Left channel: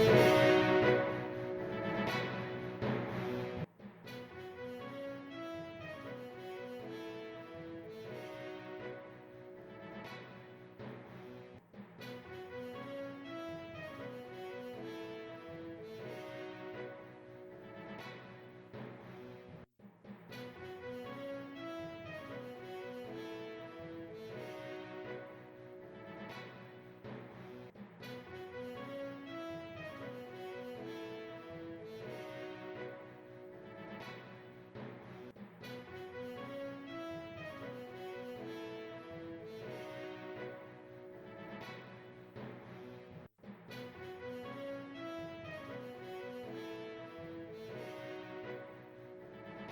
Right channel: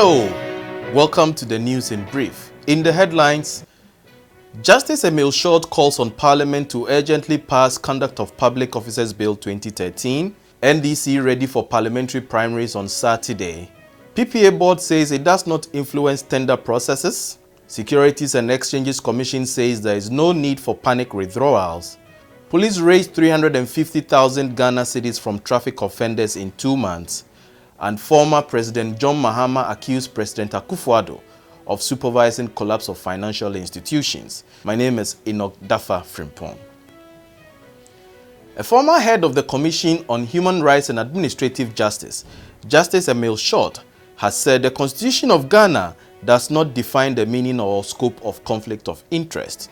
Hello, welcome to the news in brief. In the headlines, Justice Emil Short calls on Parliament to urgently pass Conduct of Public Officers Bill 2013, NDC ready for parliamentary primaries on Saturday. PPA board says it does not influence tender processes. Securities and Exchanges Commission says there is no need for panic withdrawals. Police raised 350,000 Ghana cedis from traffic offenders in 2 months. And former President John Mahama accused President Akufo-Addo of supervising collapse of financial institutions. My name is Enoch Dafa Frimpong. A former head of the Commission on Human Rights and Administrative Justice, Justice Emil Short, has said the Constitution of Ghana does not define the meaning or scope of conflict of interest.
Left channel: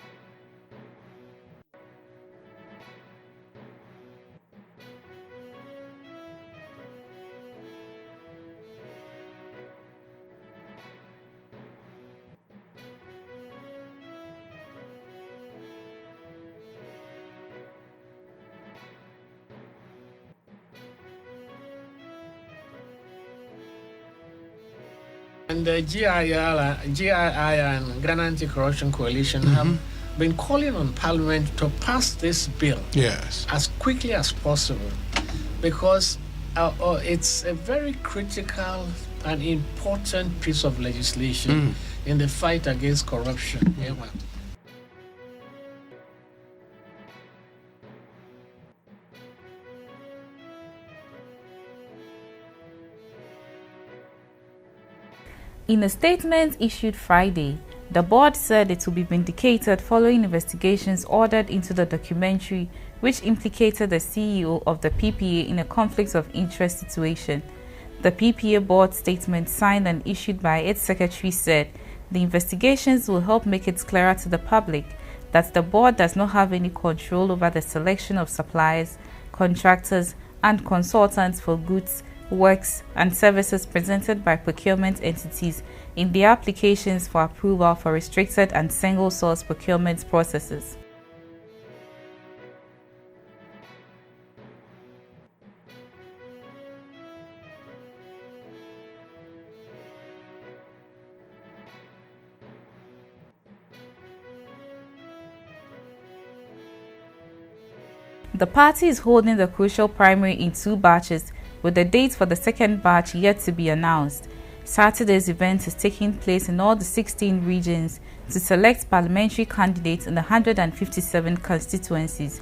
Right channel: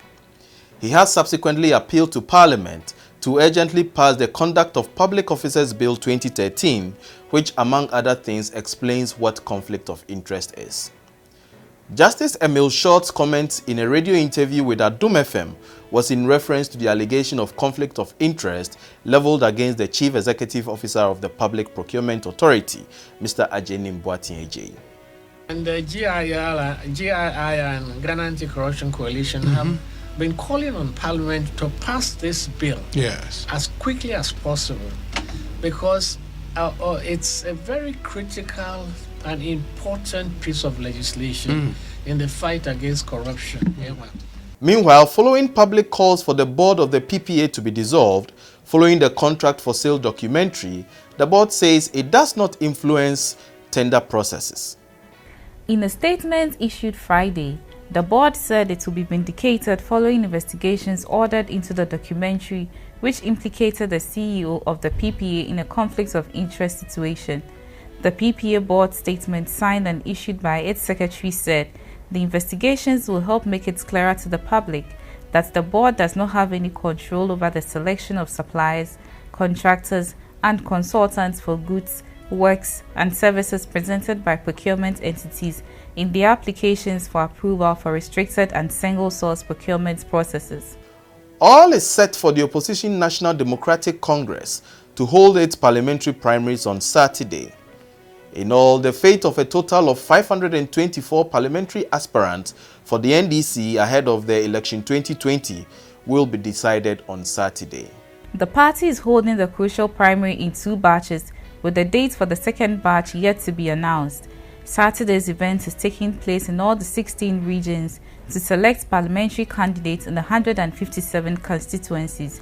He has subsequently appealed to Parliament to urgently pass the Conduct of Public Officers Bill 2013, which among other things explains what conflict of interest is. Justice Emil Short's comments in a radio interview with Adum FM was in reference to the allegation of conflict of interest leveled against the Chief Executive Officer of the Public Procurement Authority, Mr. Ajeni Mboatin-Ejei. And the GII and Ghana Anti-Corruption Coalition have been calling on Parliament to pass this bill as quickly as possible, because it's a very critical and important piece of legislation in the fight against corruption. Meanwhile, following public calls for the board of the PPA to be dissolved, following the contract for sale documentary, the board says it does not influence tender processes. In a statement issued Friday, the board said it will be vindicated following investigations ordered into the documentary which implicated the CEO of the PPA in a conflict of interest situation. The PPA board statement signed and issued by its secretary said the investigations will help make it clearer to the public that the board does not have any control over the selection of suppliers, contractors, and consultants for goods, works, and services presented by procurement entities in the applications for approval for restricted and single-source procurement processes. All is set for the opposition National Democratic Congress to hold its parliamentary primaries on Saturday. In all, the fate of a total of 524 parliamentary aspirants for the NDC ahead of the election 2020 will be decided on Saturday. The party is holding the crucial primary in 2 batches, with the date for the second batch yet to be announced. Saturday's event is taking place in all the 16 regions to select parliamentary candidates in the 157 constituencies.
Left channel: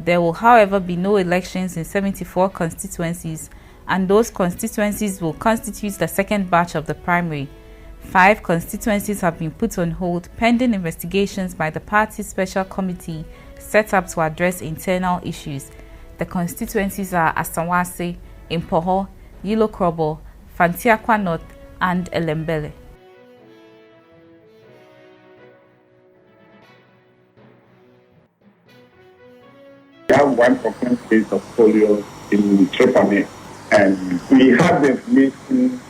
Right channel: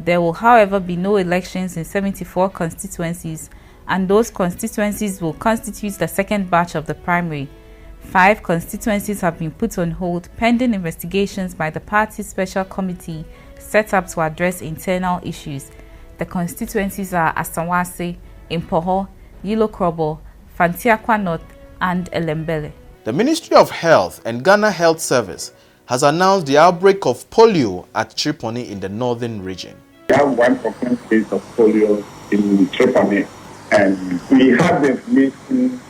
There will, however, be no elections in 74 constituencies, and those constituencies will constitute the second batch of the primary. 5 constituencies have been put on hold pending investigations by the party's special committee set up to address internal issues. The constituencies are Asawase, Impoho, Yilokrobo, Fantiakwa North, and Elembele. The Ministry of Health and Ghana Health Service has announced the outbreak of polio at Triponi in the northern region. We have 1 confirmed case of polio in Triponi, and we have the information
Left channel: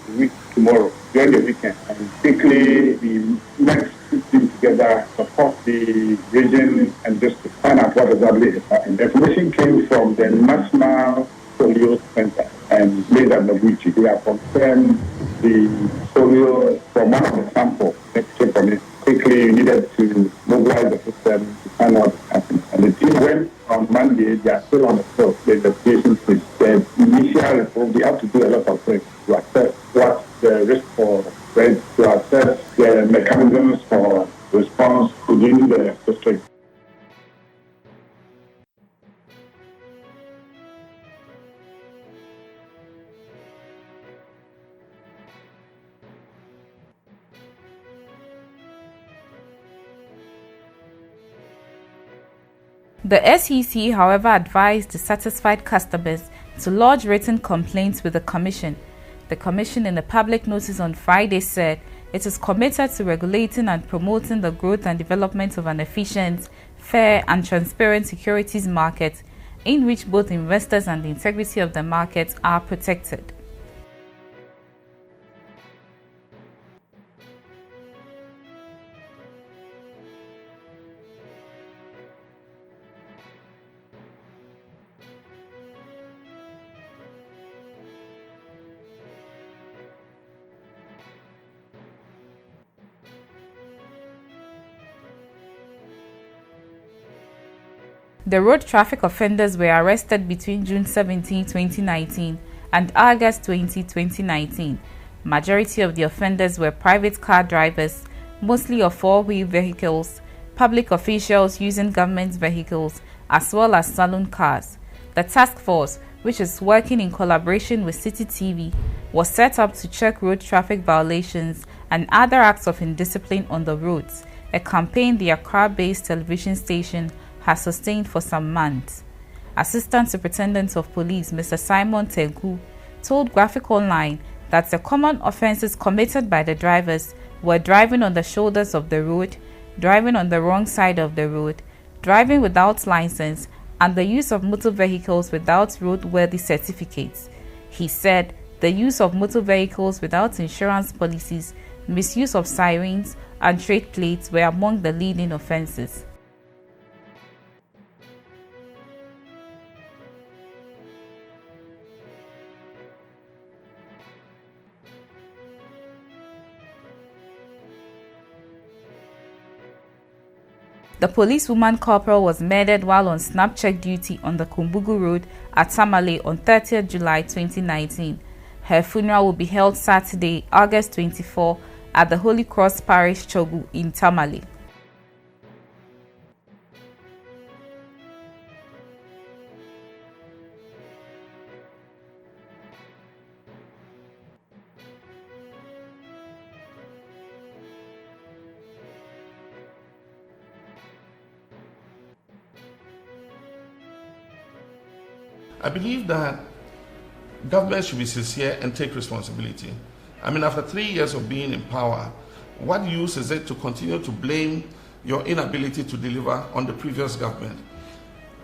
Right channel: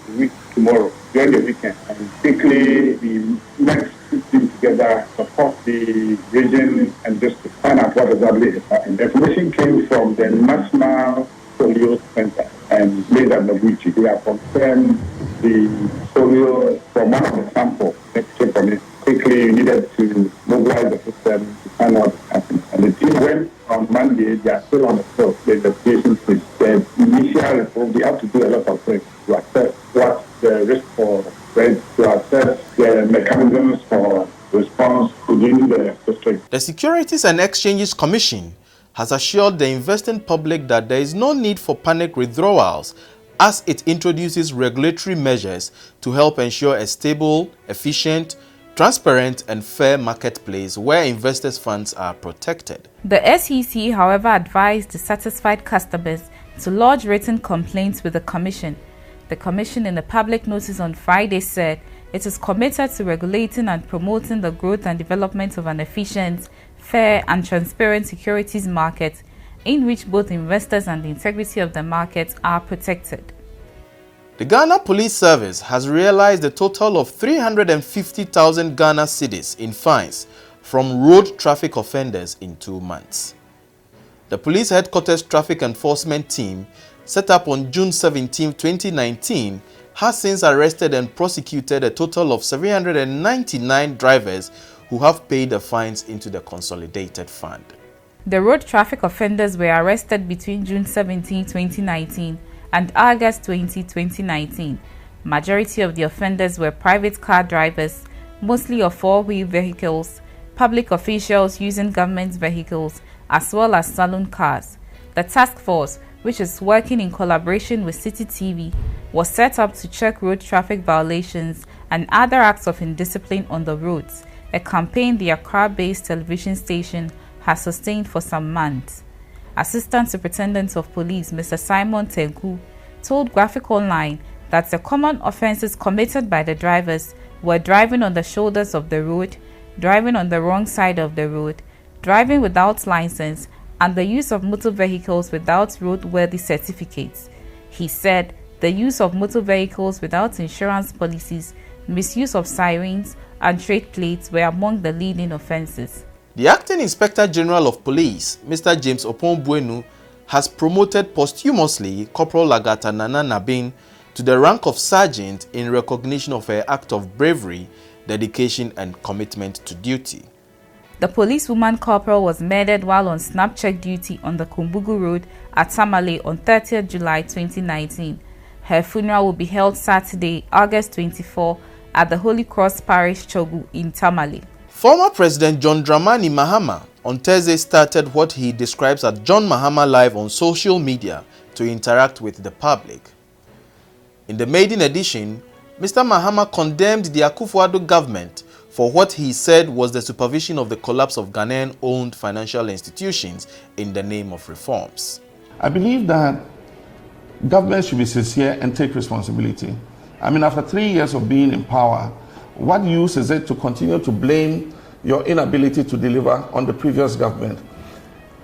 tomorrow during the weekend. And quickly, the next team together support the region and just to find out what exactly happened. The information came from the National Polio Center and later Noguchi. They have confirmed the polio from one of the samples next to it. Quickly, we needed to mobilize the system to find out what happened. And the team went on Monday. They are still on the field. The investigation is the initial report. We have to do a lot of things to assess what the risk for spread, to assess the mechanisms for response within the district. The Securities and Exchanges Commission has assured the investing public that there is no need for panic withdrawals as it introduces regulatory measures to help ensure a stable, efficient, transparent and fair marketplace where investors' funds are protected. The SEC, however, advised dissatisfied customers to lodge written complaints with the Commission. The Commission, in a public notice on Friday, said it is committed to regulating and promoting the growth and development of an efficient, fair and transparent securities market in which both investors and the integrity of the market are protected. The Ghana Police Service has realized a total of 350,000 Ghana cedis in fines from road traffic offenders in 2 months. The Police Headquarters Traffic Enforcement Team, set up on June 17, 2019, has since arrested and prosecuted a total of 799 drivers who have paid the fines into the consolidated fund. The road traffic offenders were arrested between June 17, 2019 and August 20, 2019. Majority of the offenders were private car drivers, mostly of four-wheel vehicles, public officials using government vehicles, as well as saloon cars. The task force, which is working in collaboration with City TV, was set up to check road traffic violations and other acts of indiscipline on the roads, a campaign the Accra-based television station has sustained for some months. Assistant Superintendent of Police Mr. Simon Tenku told Graphic Online that the common offenses committed by the drivers were driving on the shoulders of the road, driving on the wrong side of the road, driving without license, and the use of motor vehicles without roadworthy certificates. He said the use of motor vehicles without insurance policies, misuse of sirens, and trade plates were among the leading offenses. The Acting Inspector General of Police, Mr. James Opon-Buenu, has promoted posthumously Corporal Lagata Nana Nabin to the rank of Sergeant in recognition of her act of bravery, dedication, and commitment to duty. The policewoman corporal was murdered while on snap check duty on the Kumbugu Road at Tamale on 30th July 2019. Her funeral will be held Saturday, August 24 at the Holy Cross Parish Chogu in Tamale. Former President John Dramani Mahama on Thursday started what he describes as John Mahama Live on social media to interact with the public. In the maiden edition, Mr. Mahama condemned the Akufo-Addo government for what he said was the supervision of the collapse of Ghanaian-owned financial institutions in the name of reforms. I believe that government should be sincere and take responsibility. I mean, after 3 years of being in power, what use is it to continue to blame your inability to deliver on the previous government?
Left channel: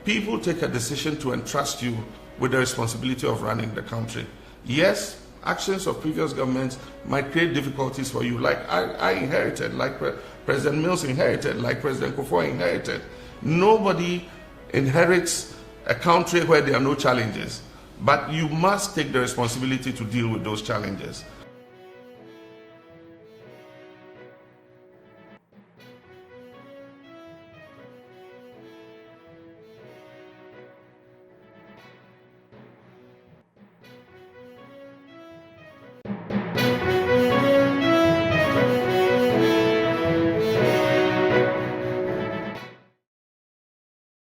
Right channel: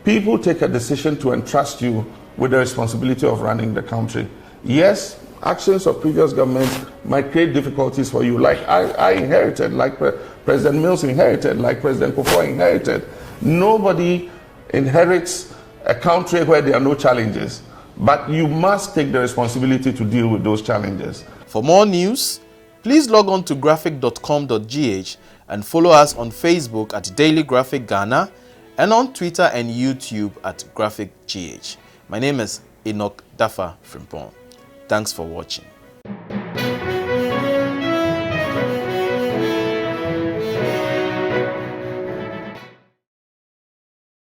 People take a decision to entrust you with the responsibility of running the country. Yes, actions of previous governments might create difficulties for you, like I inherited, like President Mills inherited, like President Kufuor inherited. Nobody inherits a country where there are no challenges, but you must take the responsibility to deal with those challenges. For more news, please log on to graphic.com.gh and follow us on Facebook at Daily Graphic Ghana and on Twitter and YouTube at GraphicGH. My name is Enoch Dafa Frimpong. Thanks for watching.